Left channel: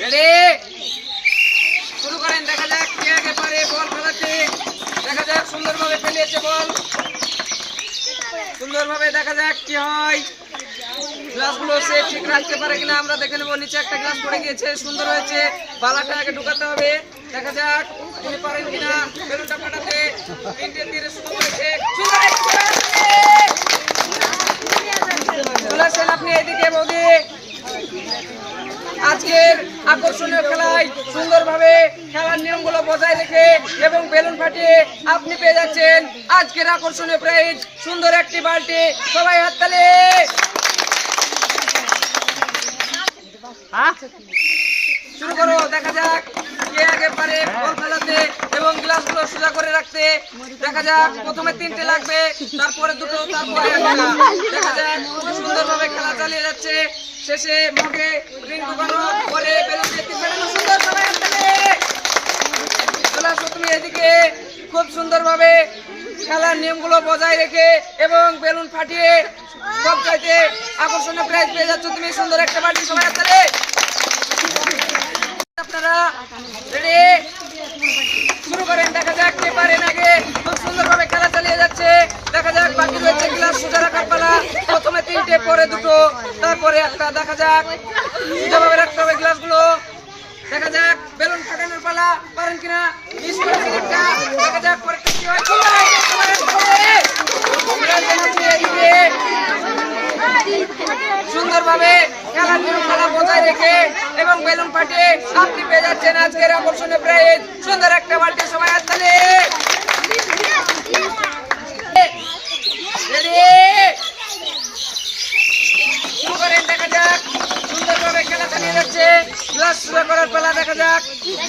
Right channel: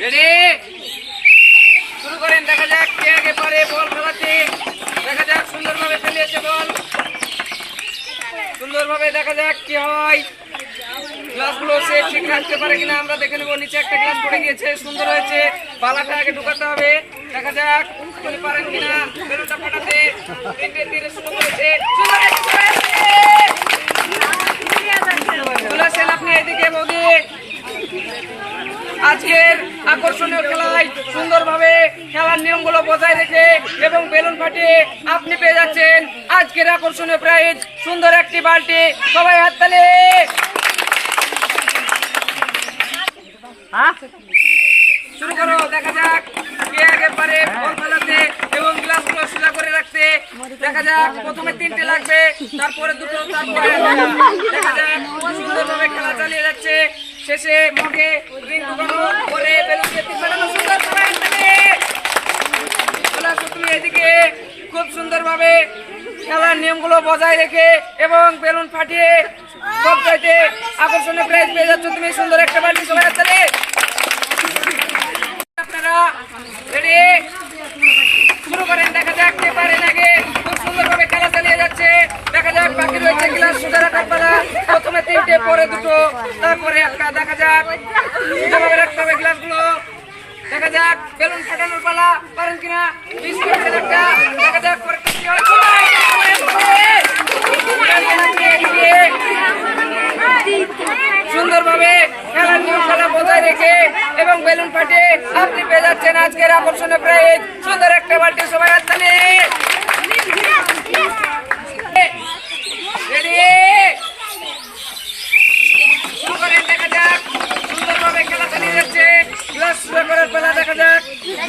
Ready শুরু করেন। দেখা যাক কে আগে পারে বল খেলাতে। দেখা যাক সুন্দরভাবে ফেলিয়েছে বল, সুন্দরভাবে দেখা যাক কি হয়। গ্লাসগুলো সে ঠিক রাখতে পারে কিনা আমরা দেখে নেবো। নিচে একটা গ্লাস পড়ে গিয়েছে, সুন্দর হয়েছে। বালাটা আগে ঢুকাতে হবে। দেখা যাক তিনি পারেন কিনা বেলুনটা ফাটাতে। তিনটে তীরে শুরু করেছে, সুন্দর বলেছেন আপনি এদিকে বৌদি। আজকের আকর্ষণীয় খেলায় সুন্দরভাবে খেলার নিয়মগুলো বজায় রেখে এবং বেলুন ফাটিয়ে আপনি পেয়ে যাচ্ছেন আজকের আকর্ষণীয় প্রাইজ, সুন্দর একটি বালতি। সবাই হাততালি। শুরু করো। দেখা যাক কে আগে পারে বল ফেলাতে এবং গ্লাসগুলো সোজা করে রাখতে। দেখা যাক প্রথমে তিনটে লাগবে, তারপরে দুটো, তারপরে একটা। দেখা যাক সুন্দরভাবে খেলা চালিয়ে যাচ্ছে। শেষে মগে রিং ঢুকানো পরে বেলুন দিয়ে তিন ফাটানো, সুন্দর। সবাই হাততালি। চলে আসো তুমি এদিকে। খুব সুন্দরভাবে খেলার নিয়মগুলো বজায় রেখে এবং বেলুন ফাটিয়ে সবচাইতে আকর্ষণীয় প্রাইজ পেয়ে যাচ্ছ তুমি, সুন্দর একটা বালতি। সবাই হাততালি। আপনারা রেডি শুরু করেন। দেখা যাক কে পারেন আগে। খুব সুন্দরভাবে খেলা চালিয়ে যাচ্ছে। দেখা যাক বাকি রয়েছে গ্লাস সোজা রাখার পালা। প্রথমে তিনটে, পরে দুটো, তারপরে একটা। দেখা যাক সোজাভাবে রাখতে হবে গ্লাসগুলো। দেখা যাক বেলুন ফাটানোর পালা, পারেন কিনা। একটা দেখা যাক পরেরটা কি হয়। সুন্দরভাবে খেলার নিয়ম খেলা বজায় রেখে এবং বেলুন ফাটিয়ে আপনি পেয়ে যাচ্ছেন আজকের আকর্ষণীয় প্রাইজ, সুন্দর একটা বালতি। সবাই হাততালি। রেডি শুরু করেন। দেখা যাক সুন্দরভাবে খেলা চালিয়ে যাচ্ছে। গ্লাস সোজা করার পালা। দেখা যাক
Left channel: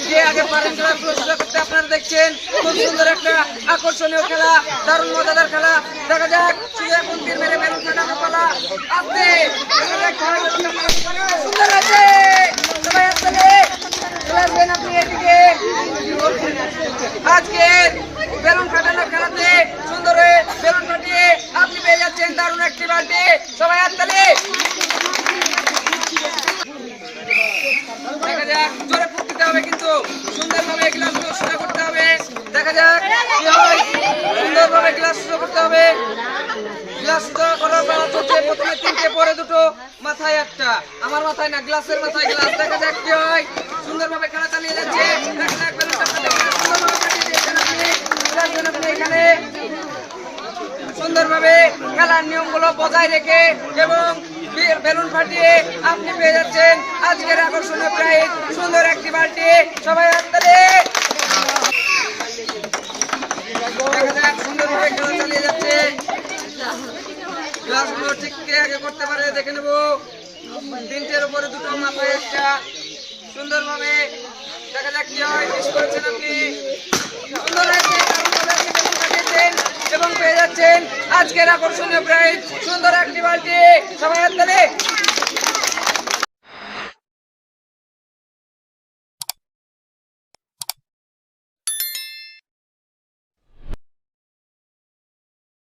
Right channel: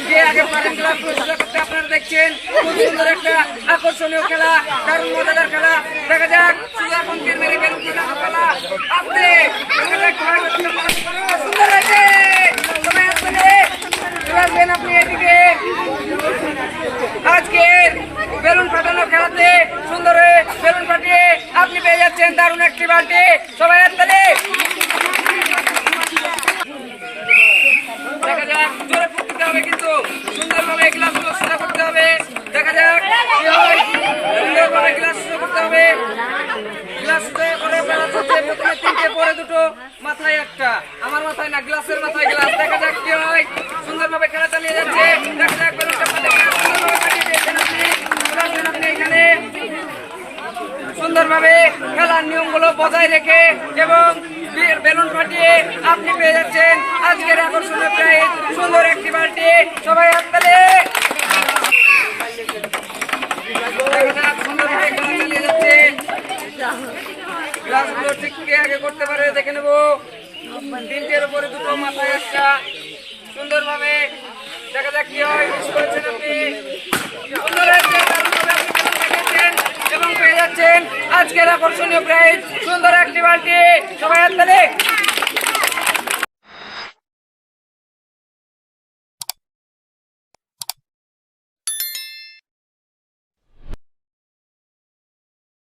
কে আগে পারেন গ্লাস সোজা করতে। আপনারা দেখছেন খুব সুন্দর একটা আকর্ষণীয় খেলা, দারুণ মজাদার খেলা। দেখা যাক শুধু এখন তীর মেরে বেলুন ফাটানোর পালা। আপনি সুন্দর আছে। সবাই হাততালি। চলে আসবেন আপনি এদিকে। আজকের বেলুন ফাটানোর খেলাতে সুন্দর হয়ে বেলুন ফাটিয়ে আপনি পেয়ে যাচ্ছেন দারুণ একটি বালতি। সবাই হাততালি। দেখা যাক জোরে ফুক দিতে হবে কিন্তু সুন্দরভাবে গ্লাসগুলো সোজা করতে হবে। দেখা যাক কি হয়। সুন্দরভাবে গ্লাস সোজা করতে হবে। গ্লাস সোজা করার বেলা চলছে। প্রথমে তিনটে, পরে দুটো, মাথায় একটা। আমার মাথায় না, গ্লাসের মাথায় গ্লাস। দেখা যাক কি হয়। সুন্দরভাবে খেলা চালিয়ে যাচ্ছে। দেখা যাক বেলুনটা সুন্দরভাবে কাটিয়ে দিয়েছেন আপনি। আপনি এখানে সুন্দরভাবে খেলার নিয়মগুলো বজায় রেখে এবং বেলুন ফাটিয়ে আপনি পেয়ে যাচ্ছেন আজকের আকর্ষণীয় প্রাইজ, সুন্দর একটি বালতি। সবাই হাততালি। দেখা যাক সুন্দরভাবে খেলা চালিয়ে যাচ্ছে। গ্লাসগুলো ঠিক কে আগে করতে পারে দেখে নেব। তিনটের উপরে দুটো, মাথায় একটা। সুন্দরভাবে দেখা যাক কি হয়। মিস করেছেন আপনি। সুন্দর এবং পেয়ে যাচ্ছেন আজকের আকর্ষণীয় প্রাইজ, সুন্দর একটি বালতি। সবাই হাততালি।